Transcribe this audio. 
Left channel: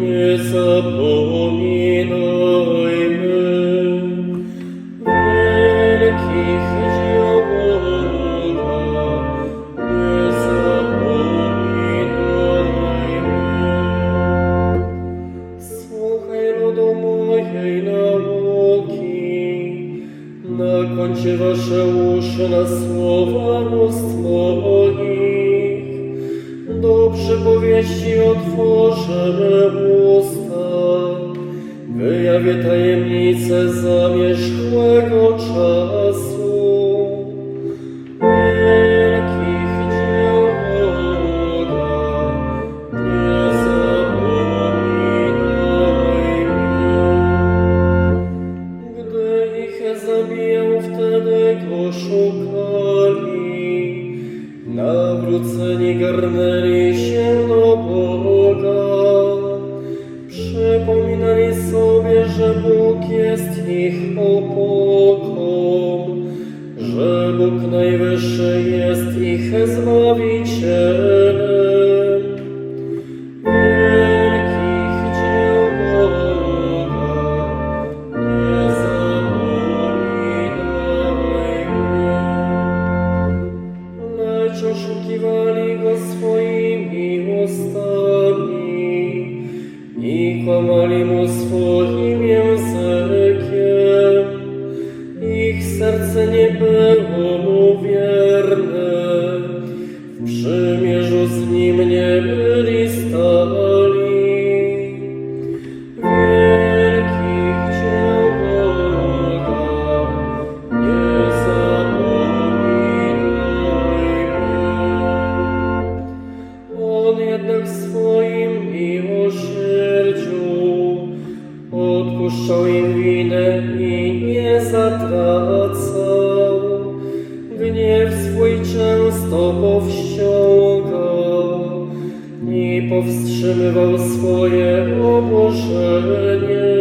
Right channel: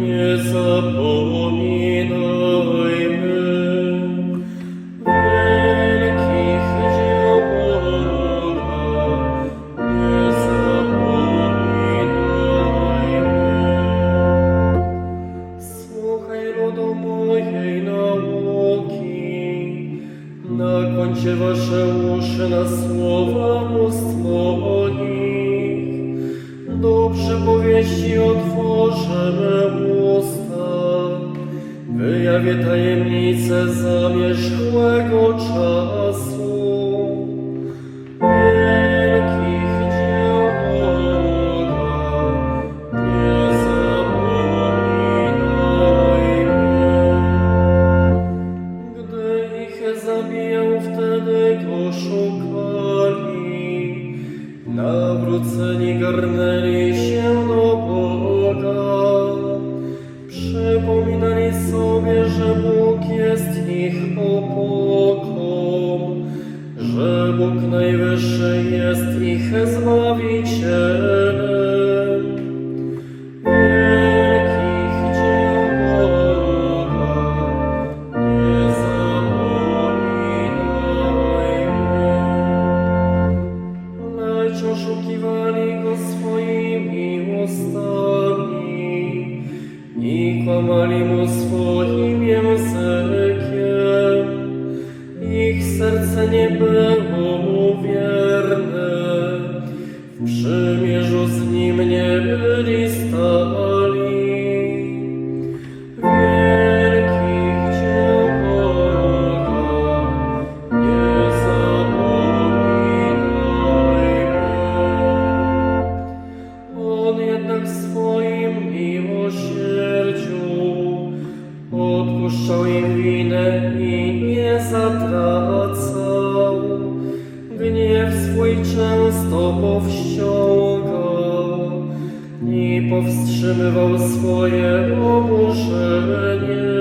zapominajmy wielkich dzieł nie zapominajmy. Słuchaj do mojej nauki, na końcie wasze uszy na słowa moich. Do przypowieści otworzę usta, wyjawię tajemnice zamierzchłego czasu. Nawróceni garnęli się Najwyższy jest ich Zbawicielem. Wielkich dzieł nie zapominajmy. Lecz oszukiwali go swoimi ustami 思念。Powstrzymywał swoje oburzenie.